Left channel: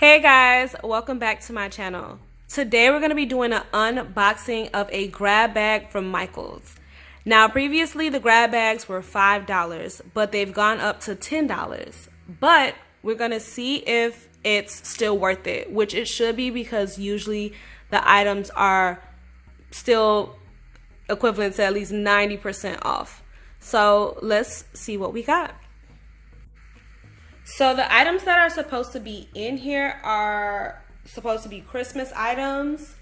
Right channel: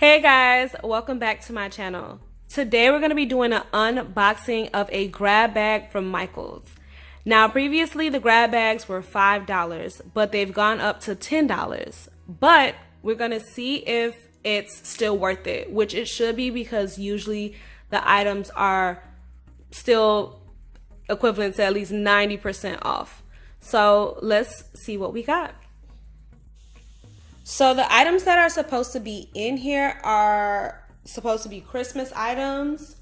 Hey guys, welcome back to my channel. Today we're going to be doing an unboxing of a grab bag from Michaels. Now previously the grab bags were $5, but they've gone up to $10. But we're going to see if it's still worth it, which it should be because usually the items are still equivalent to at least 90% off. So let's see what we got. So the items that are supposed to be in here are supposed to be Christmas items.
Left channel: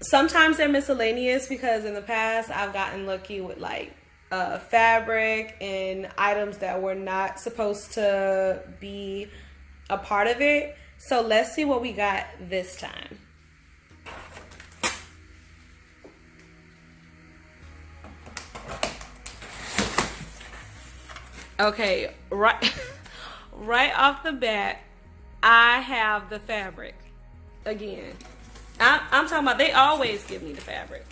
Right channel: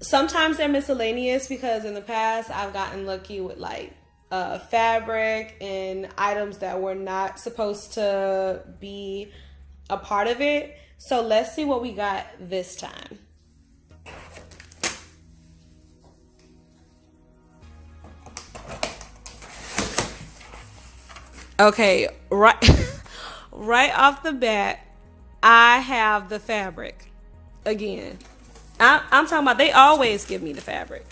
Sometimes they're miscellaneous because in the past I've gotten lucky with like fabric and items that were not supposed to be a part of it. So let's see what we got this time. Okay, right. Right off the bat, I have the fabric. Again, I'm talking about they always give me the fabric.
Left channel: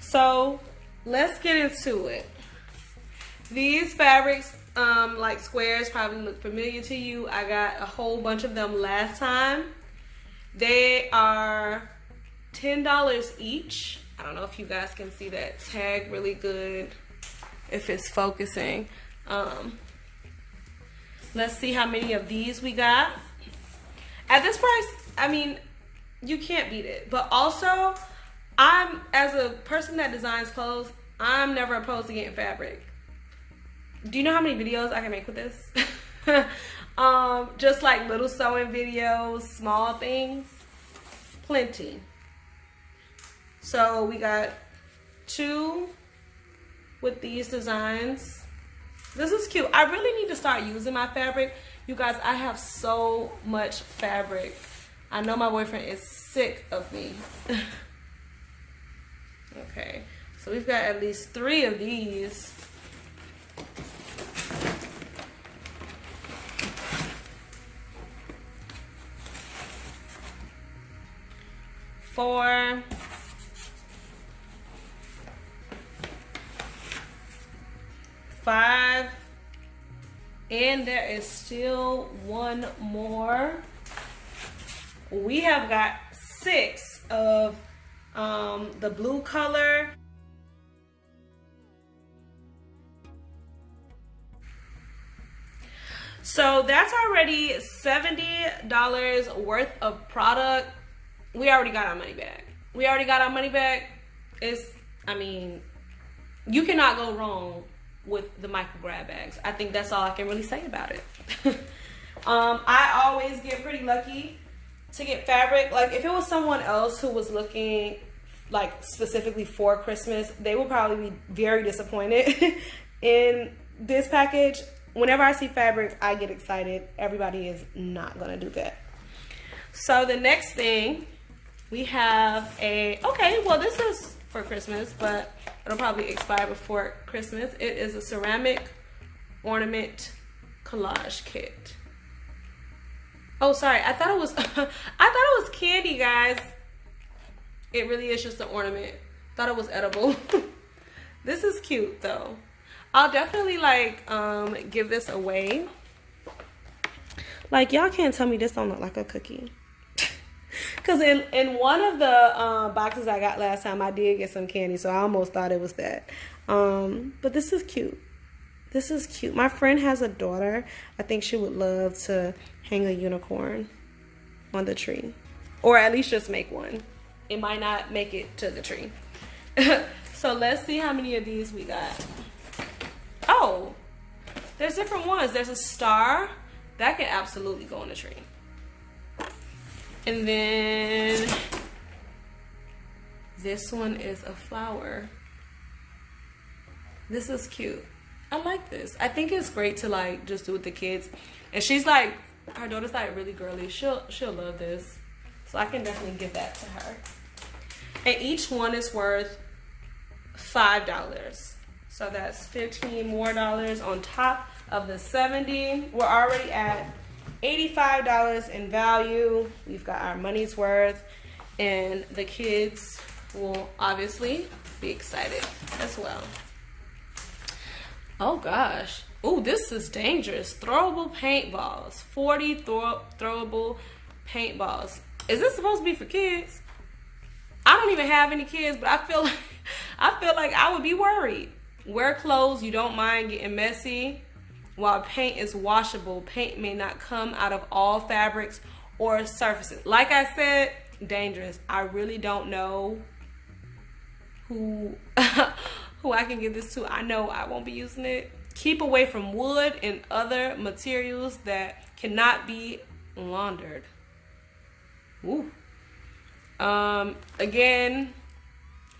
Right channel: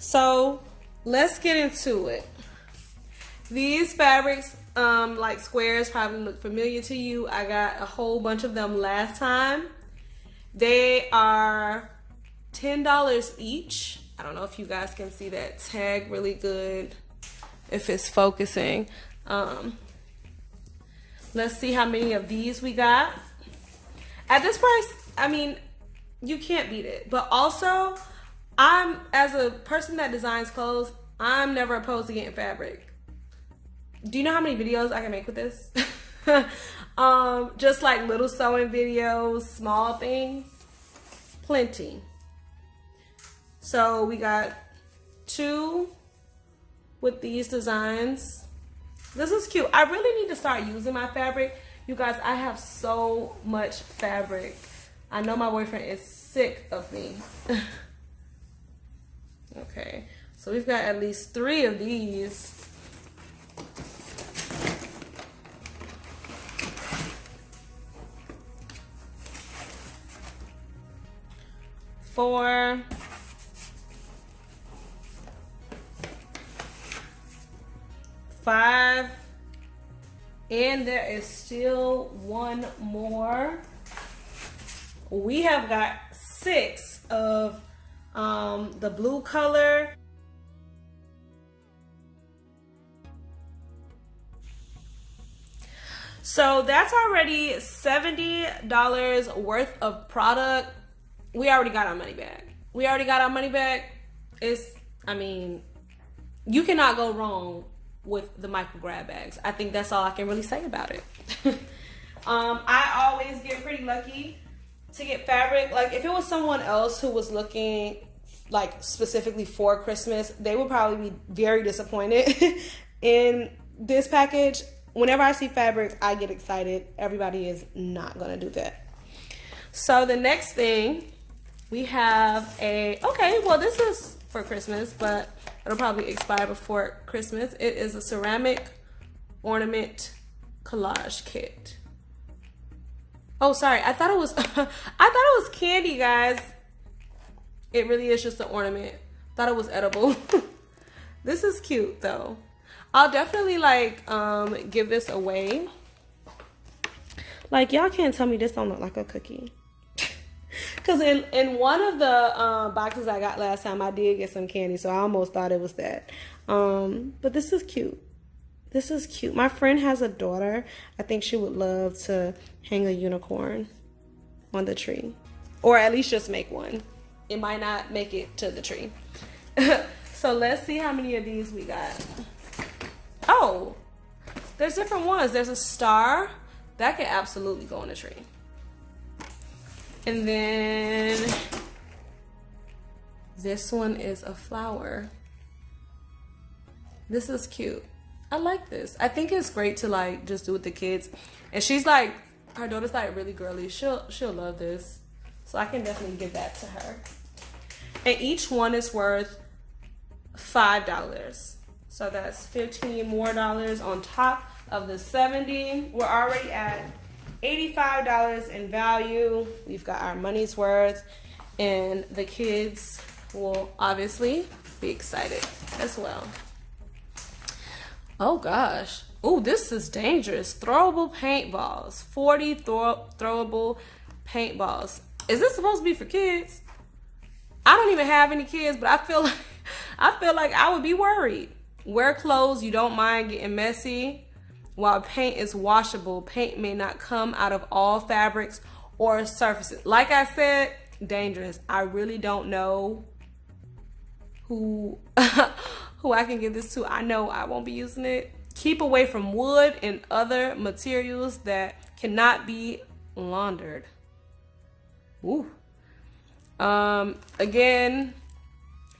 So let's get into it. These fabrics, like squares, probably look familiar to you. I got a whole bunch of them last time. They are $10 each. I don't know if you guys can see that tag really good, if it's focusing. Let's see how many of these we got. At this price, I mean, you can't beat it. But also, as a person that designs clothes, I'm never opposed to getting fabric. Do you know how many videos I can make with this? Just like little sewing videos, small things, plenty. So we got 2 with these designs. This is cute. I really need to start using my fabric. You guys, I have so much fabric. I know my boyfriend is sick of me. Okay, so we've got at least 3 of these. Four. 5, and there is still 1 more. We have got 6 of the blue color. So that's already $70 worth of product. We already got our money back. I mean, you cannot go wrong with the Michael grab bags. I think that's all I can really say about it. I always get pretty lucky to get fabric. Like if it was someone else who was looking like specifically for Christmas, they would probably be very disappointed in this package. Whenever I see fabric, I get excited. Everybody is not gonna do that. So the next thing we have this is for Christmas, but it'll probably expire before Christmas. It is a ceramic ornament collage kit. Oh, sorry. I thought it was candy, guys. It really is just an ornament. Thought it was edible. This is cute though. I'll definitely give this away. Like y'all can't tell me this don't look like a cookie. Because in one of the boxes I got last time, I did get some candy, so I almost thought it was that. But this is cute. This is cute. My friend has a daughter. I think she would love to hang a unicorn on the tree. Or at least just make one. It might not make it to the tree. So let's see how many of these we got. Oh, there's different ones. There's a star. That can absolutely go on the tree. And then this one is a flower. This is cute. I like this. I think it's great to just do with the kids. And she's like, her daughter's really girly. She'll love this. So I can definitely give that to her. And each one is worth $5. So that's $15 more on top of the $70. We're already at $85 in value. We've got our money's worth, and the kids will obviously be excited as well. Oh gosh, Oh, this is dangerous. Throwable paintballs. 40 throwable paintballs. Is this supposed to be for kids? I don't even have any kids, but I feel like I would be worried. Wear clothes you don't mind getting messy. While paint is washable, paint may not come out of all fabrics or surfaces. Like I said, dangerous. I really don't know who who I can give this to. I know I won't be using it. Keep away from wood and other materials that cannot be laundered. Ooh. Again,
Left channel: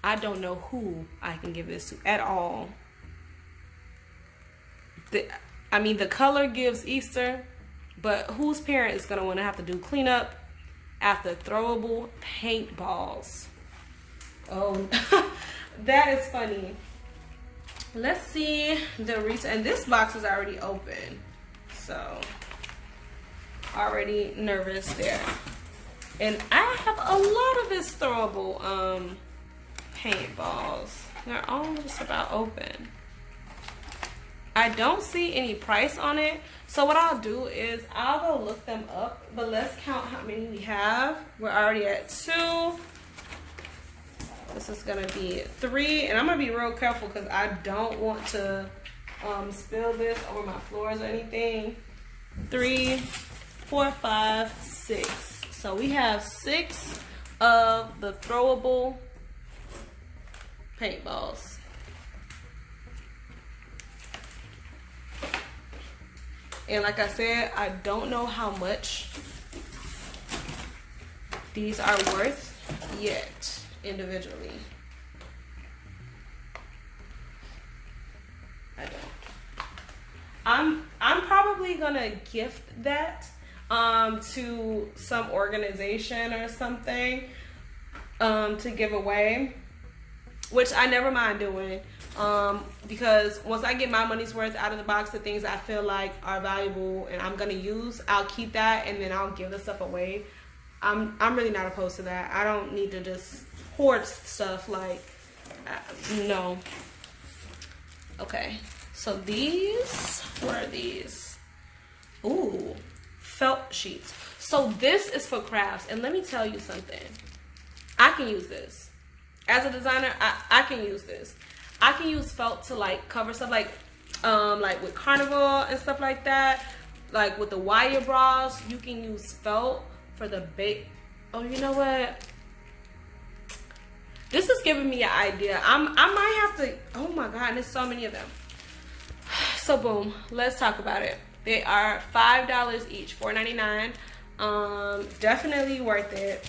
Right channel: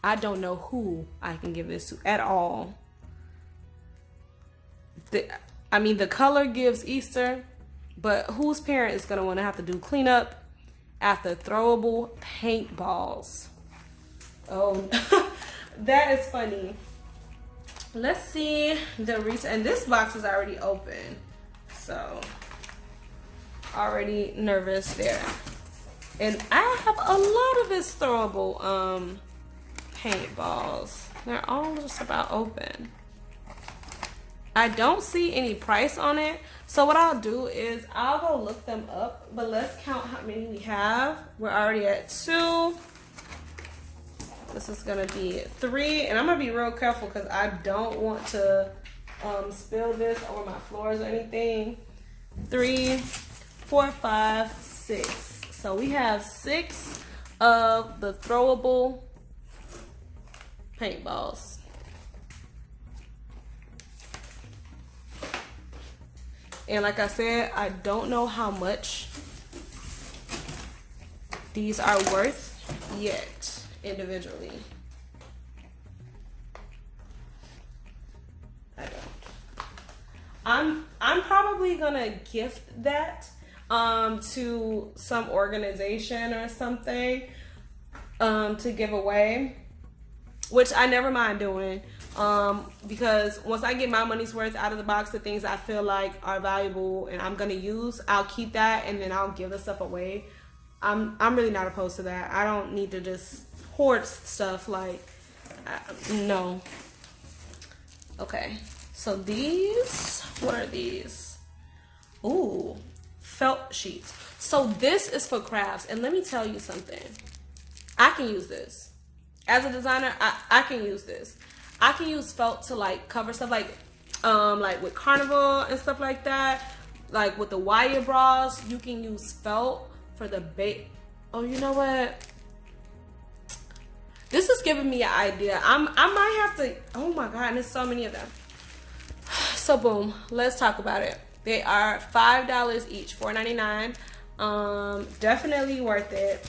I don't know who I can give this to at all. The color gives Easter, but whose parent is going to want to have to do cleanup after throwable paintballs? Oh, that is funny. Let's see the recent, and this box is already open, so already nervous there. And I have a lot of this throwable paintballs. They're all just about open. I don't see any price on it, so what I'll do is I'll go look them up, but let's count how many we have. We're already at 2. This is gonna be 3, and I'm gonna be real careful because I don't want to spill this over my floors or anything. 3, 4, 5, 6. So we have 6 of the throwable paintballs. And like I said, I don't know how much these are worth yet individually. I don't. I'm probably gonna gift that to some organization or something to give away, which I never mind doing. Because once I get my money's worth out of the box, the things I feel like are valuable and I'm gonna use, I'll keep that and then I'll give the stuff away. I'm really not opposed to that. I don't need to just hoard stuff like no. Okay, so these, what are these? Ooh, felt sheets. So this is for crafts, and let me tell you something. I can use this as a designer. I can use this. I can use felt to like cover stuff like with carnival and stuff like that. Like with the wire bras, you can use felt for the bait. Oh, you know what? This is giving me an idea. I might have to. Oh my God, there's so many of them. So boom, let's talk about it. They are $5 each, $4.99. Definitely worth it.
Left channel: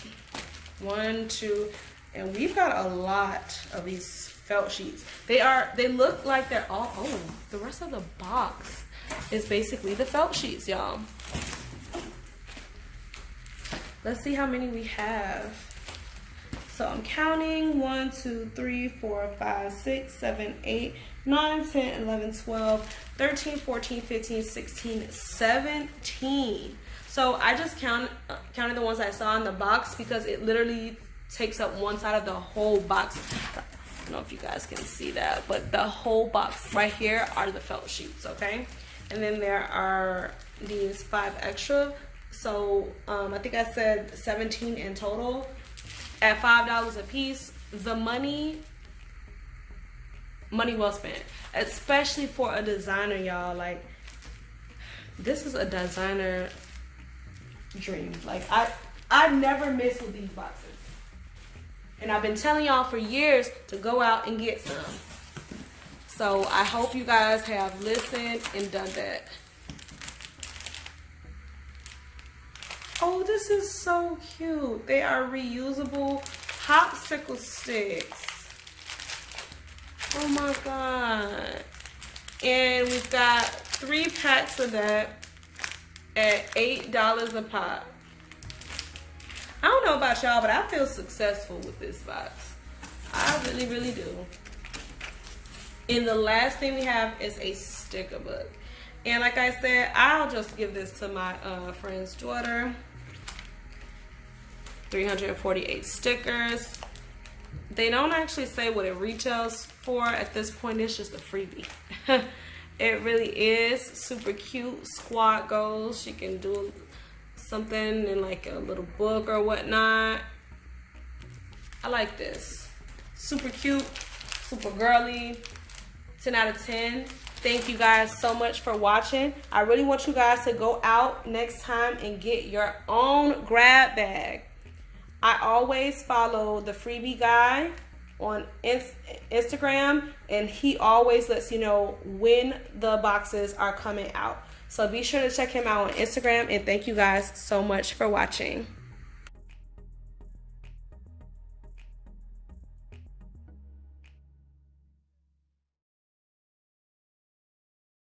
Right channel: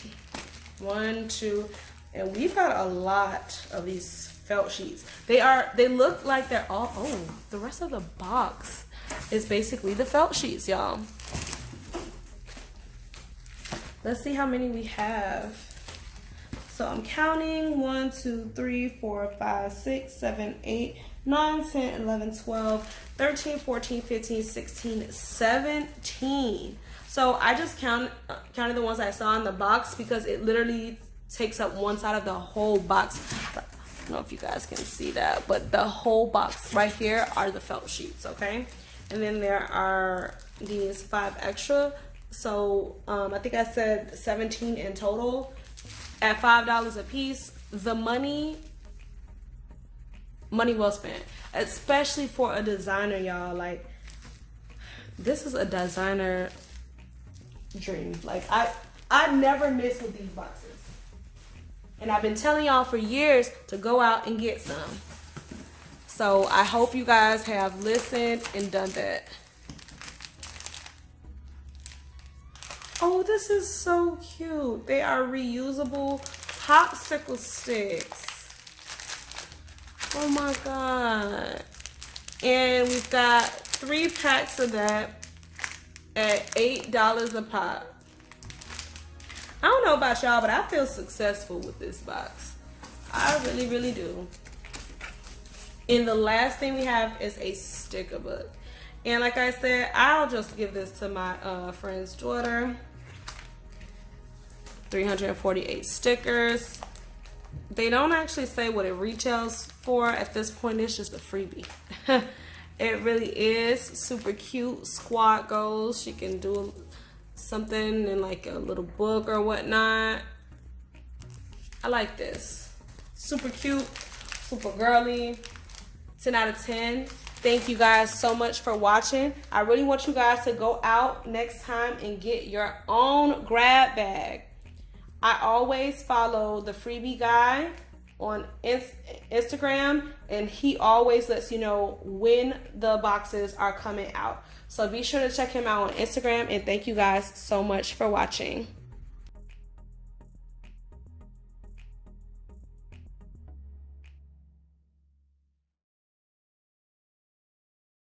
1, 2, and we've got a lot of these felt sheets. They look like they're all, oh, the rest of the box is basically the felt sheets, y'all. Let's see how many we have. So I'm counting 1, 2, 3, 4, 5, 6, 7, 8, 9, 10, 11, 12, 13, 14, 15, 16, 17. So I just counted the ones I saw in the box because it literally takes up one side of the whole box. I don't know if you guys can see that, but the whole box right here are the felt sheets, okay? And then there are these 5 extra. So I think I said 17 in total at $5 a piece. The money well spent, especially for a designer, y'all. Like, this is a designer dream. Like, I never miss with these boxes. And I've been telling y'all for years to go out and get some. So I hope you guys have listened and done that. Oh, this is so cute. They are reusable popsicle sticks. Oh my God. And we've got 3 packs of that at $8 a pop. I don't know about y'all, but I feel successful with this box. I really, really do. And the last thing we have is a sticker book. And like I said, I'll just give this to my friend's daughter. 348 stickers. They don't actually say what it retails for at this point. It's just a freebie. It really is super cute. Squat goals. She can do something in like a little book or whatnot. I like this. Super cute, super girly. 10 out of 10. Thank you guys so much for watching. I really want you guys to go out next time and get your own grab bag. I always follow the freebie guy on Instagram, and he always lets you know when the boxes are coming out. So be sure to check him out on Instagram, and thank you guys so much for watching.